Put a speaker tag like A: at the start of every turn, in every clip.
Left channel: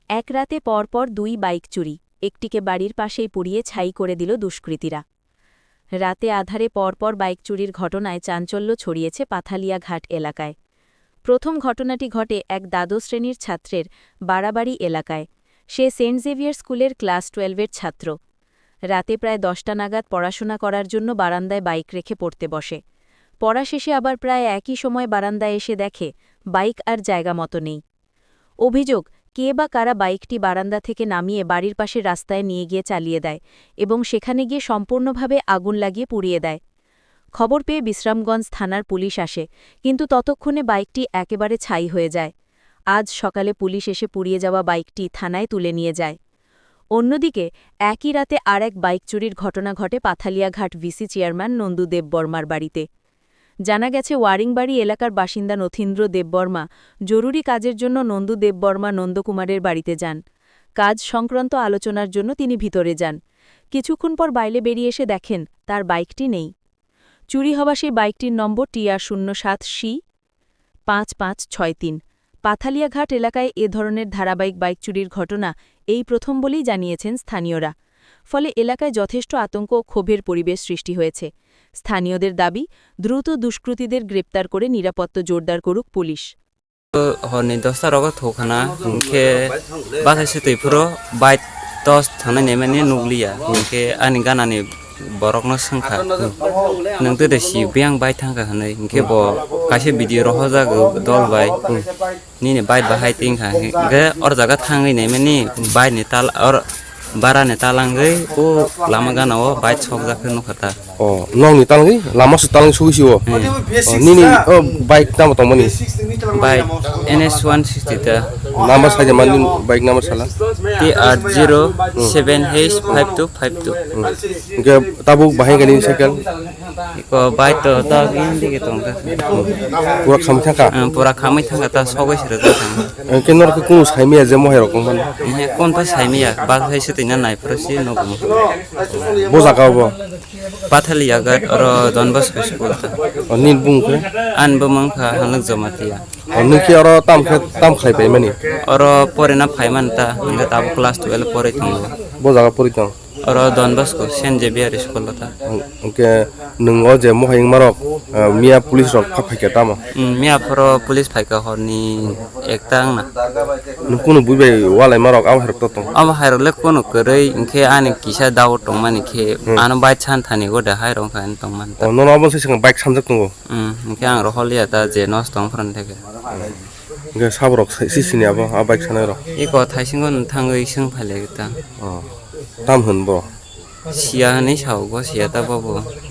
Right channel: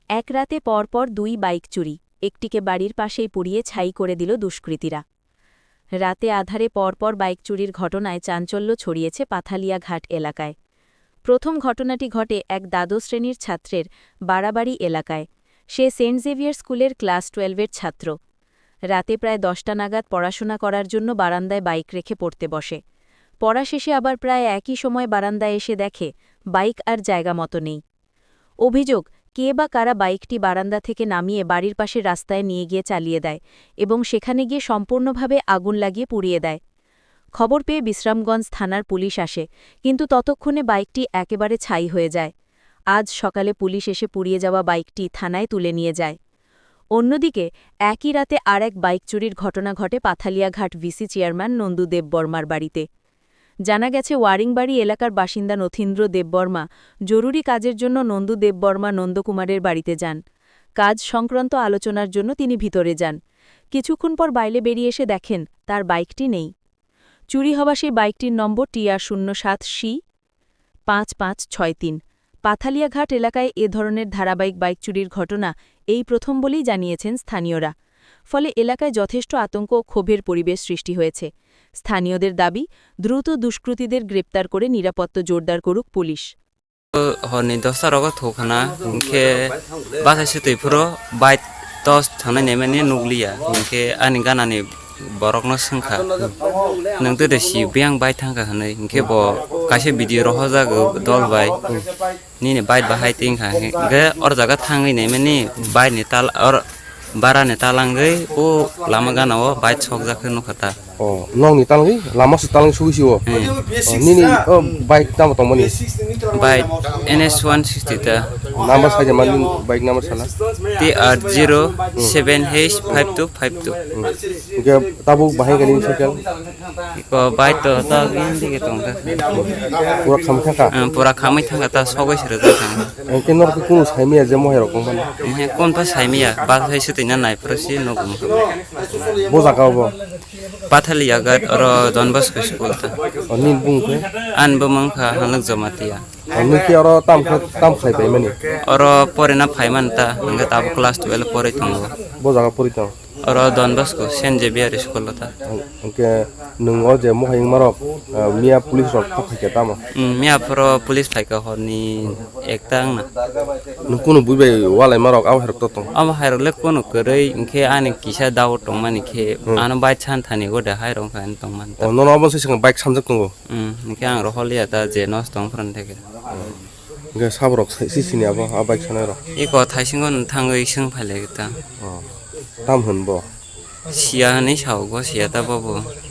A: এক রাতে পরপর 2 বাইক চুরি, একটিকে বাড়ির পাশেই পুড়িয়ে ছাই করে দিল দুষ্কৃতীরা। রাতে আধারে পরপর বাইক চুরির ঘটনায় চাঞ্চল্য ছড়িয়েছে পাথালিয়া ঘাট এলাকায়। প্রথম ঘটনাটি ঘটে এক দ্বাদশ শ্রেণীর ছাত্রের বাড়াবাড়ি এলাকায়। সে সেন্ট জেভিয়ার স্কুলের ক্লাস 12-এর ছাত্র। রাতে প্রায় 10টা নাগাদ পড়াশোনা করার জন্য বারান্দায় বাইক রেখে পড়তে বসে। পড়া শেষে আবার প্রায় একই সময় বারান্দায় এসে দেখে বাইক আর জায়গা মতো নেই। অভিযোগ, কে বা কারা বাইকটি বারান্দা থেকে নামিয়ে বাড়ির পাশের রাস্তায় নিয়ে গিয়ে চালিয়ে দেয় এবং সেখানে গিয়ে সম্পূর্ণভাবে আগুন লাগিয়ে পুড়িয়ে দেয়। খবর পেয়ে বিশ্রামগঞ্জ থানার পুলিশ আসে, কিন্তু ততক্ষণে বাইকটি একেবারে ছাই হয়ে যায়। আজ সকালে পুলিশ এসে পুড়িয়ে যাওয়া বাইকটি থানায় তুলে নিয়ে যায়। অন্যদিকে একই রাতে আর এক বাইক চুরির ঘটনা ঘটে পাথালিয়াঘাট ভিসি চেয়ারম্যান নন্দু দেববর্মার বাড়িতে। জানা গেছে ওয়ারিংবাড়ি এলাকার বাসিন্দা নথীন্দ্র দেববর্মা জরুরি কাজের জন্য নন্দু দেববর্মা নন্দকুমারের বাড়িতে যান। কাজ সংক্রান্ত আলোচনার জন্য তিনি ভিতরে যান। কিছুক্ষণ পর বাইরে বেরিয়ে এসে দেখেন তার বাইকটি নেই। চুরি হওয়া সেই বাইকটির নম্বর TR07C5563। পাথালিয়াঘাট এলাকায় এ ধরনের ধারাবাহিক বাইক চুরির ঘটনা এই প্রথম বলেই জানিয়েছেন স্থানীয়রা। ফলে এলাকায় যথেষ্ট আতঙ্ক ও ক্ষোভের পরিবেশ সৃষ্টি হয়েছে। স্থানীয়দের দাবি, দ্রুত দুষ্কৃতীদের গ্রেপ্তার করে নিরাপত্তা জোরদার করুক পুলিশ।
B: হরনি 10টা রগত থখানা ইনকে বাথাইছে তৈফুরো বাইক 10 থানা নেমেনি নুগলিয়া ইনকে আনি গানানি borokno sungkha nangte de si biang bai thangka hanai inke bo kaise video ro hoja dol bai ni bai bahai tingkha ge or jaga thangai nei mani bai ni tal or bara ni talang gai o lama gana o bai chok jakhe no khata
C: o nong ni talang lama su talang su si o ni bike tam to mani
B: bai NS 160 ta
C: number sa jaman bike number sala
B: TR07H5252
C: ge tabu bahai gani cycle
B: ko bai to ta gin dige tong ta
C: pura
B: khamai thangka ta sogoi sere ta thang
C: kenor ke kunu saimia je moher kon
B: kon pa saimia ba hai se tina nai prosi no
C: bo jaka bo
B: Pathaliaঘাট or Don Bosco school ta
C: nin bung ke
B: an bamang kha hanak jamatia
C: ni ki oro tam khai pai mani
B: or pore na phaiman ta nga tab class 12 pore tong
C: bo jaka pori tong
B: or Don Bosco Saint Xavier school ta
C: ke nung o je mohai marok mia police rok phak phai ke tama
B: mia pro police phai ka horni ektang na
C: nung kunu buibai walai marok am her to tong
B: am hairole kono korei inke ani kisa daw tong mani ke an bai chan thani go da hairo kan tong man ta
C: no no bon se sing bike samjak tong
B: inke ang ro holia ta je nos tong fran theke
C: inke sabrok si sini abo a bike sanai ro
B: I ko thaisingon thangoi sing phale ta
C: tam hun bo
B: sia ni chau go sia ta bo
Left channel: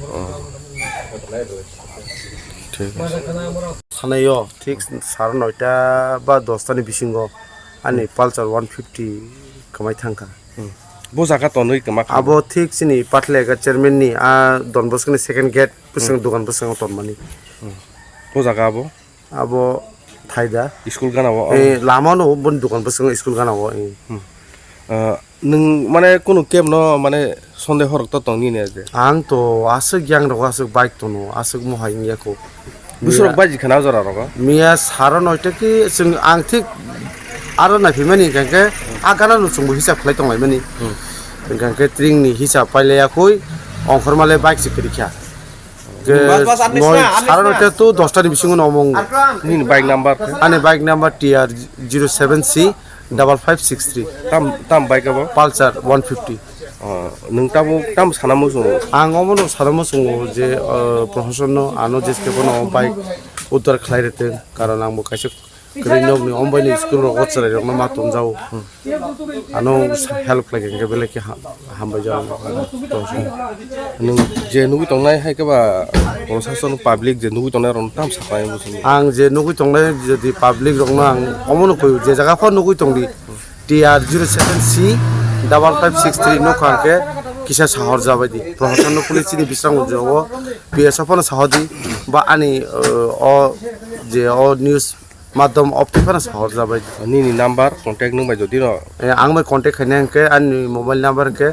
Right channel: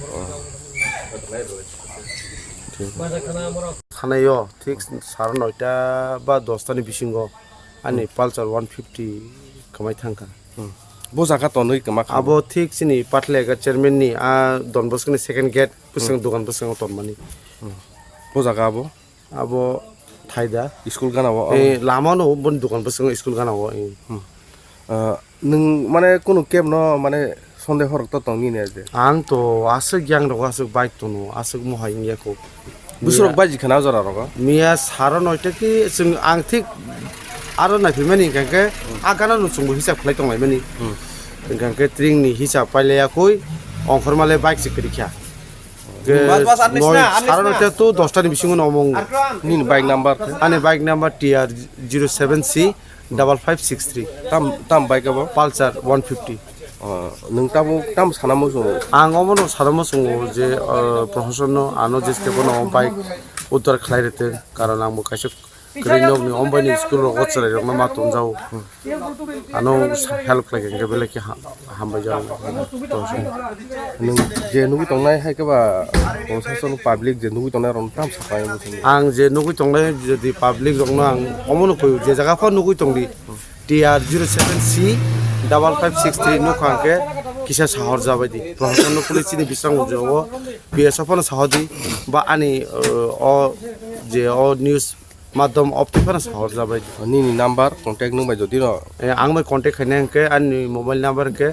C: ঠিক আছে
D: থানায়ও ঠিক 9:30 বা 10টানি বিসিঙ্গ আনি Pulsar 150 কামাই thangka
C: bo jaka to noi kama
D: আবো ঠিক সিনি পাটলেগা chairman নি আ ডন বস্কনি সেকেন্ড গেট পুসং দোকান পুসং তনমানি
C: bo jaka abo
D: আবো থাইদা
C: school gana bo
D: এই লামানো বন দোকান পুসং স্কুল গানাবো
C: nung mane kunu kem no mane sonde horok to tong ni ne je
D: আং তো আসক গ্যাং রক আসক বাইক তোনো আসক মহাই নিয়াকো
C: busrok baji khana jora roga
D: মিয়া 9:30 কি जों आं ঠিক আরো নাফিমানি গাকে আগানা নুচুংবো হিসাব খাই তংলাইমানি গাকে ট্রিংনি হিসাব পাইলায়াকই অংখরমালে বাইক সিকিরিখা মই 9:30 তো 10টানি বিসিং নমং
C: nin bike number
D: আনে bike number TR07C5563
C: tam bike abo
D: Pulsar 150
C: nung tabu tam sanamo so
D: आं अमनो सारामो संगो जे प्रशासन आनो जेस्ते बनो बाइक उद्धार खालायते कारण आंबो खायसे ग्रेनोगनि अमबाइनि स्कुल रो गचराय रंना मातम जाव आनो हेल्प लागे के बेले के हामबाय जाव
C: nung je nugi tongnai hai ka ba proshashan public je nugi tongnai ron tam sapai bo sini
D: आं जे नुगै तंनाय जदि पाब्लिक रंना आं अमनो कोय जे जागा फर नुगै तंदि TR07C5563 नो खाके किसा शहर जाबायदि प्रशासन पुलिसनि बिस्रां उजोव पिएसएफनो साहदी बा आनि जे न्यूज माध्यम ऑप्टिफाना शहर जाबायदि
C: ni number contact nung bai jodi no
D: आं मै कन्टेक्ट खायने के आंनि मोबाइल नम्बर के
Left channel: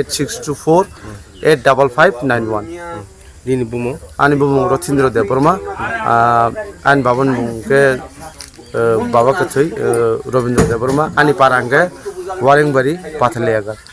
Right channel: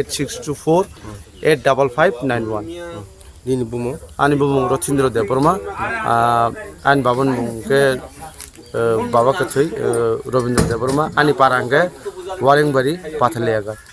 D: 9862485591
C: ni bumo
D: आनि बुमुं रथिन्द्र देबबर्मा आन बाबन के बाबा कथै रवीन्द्र देवर्मा आनी पारांगे वारेंगबारी पाथालियागा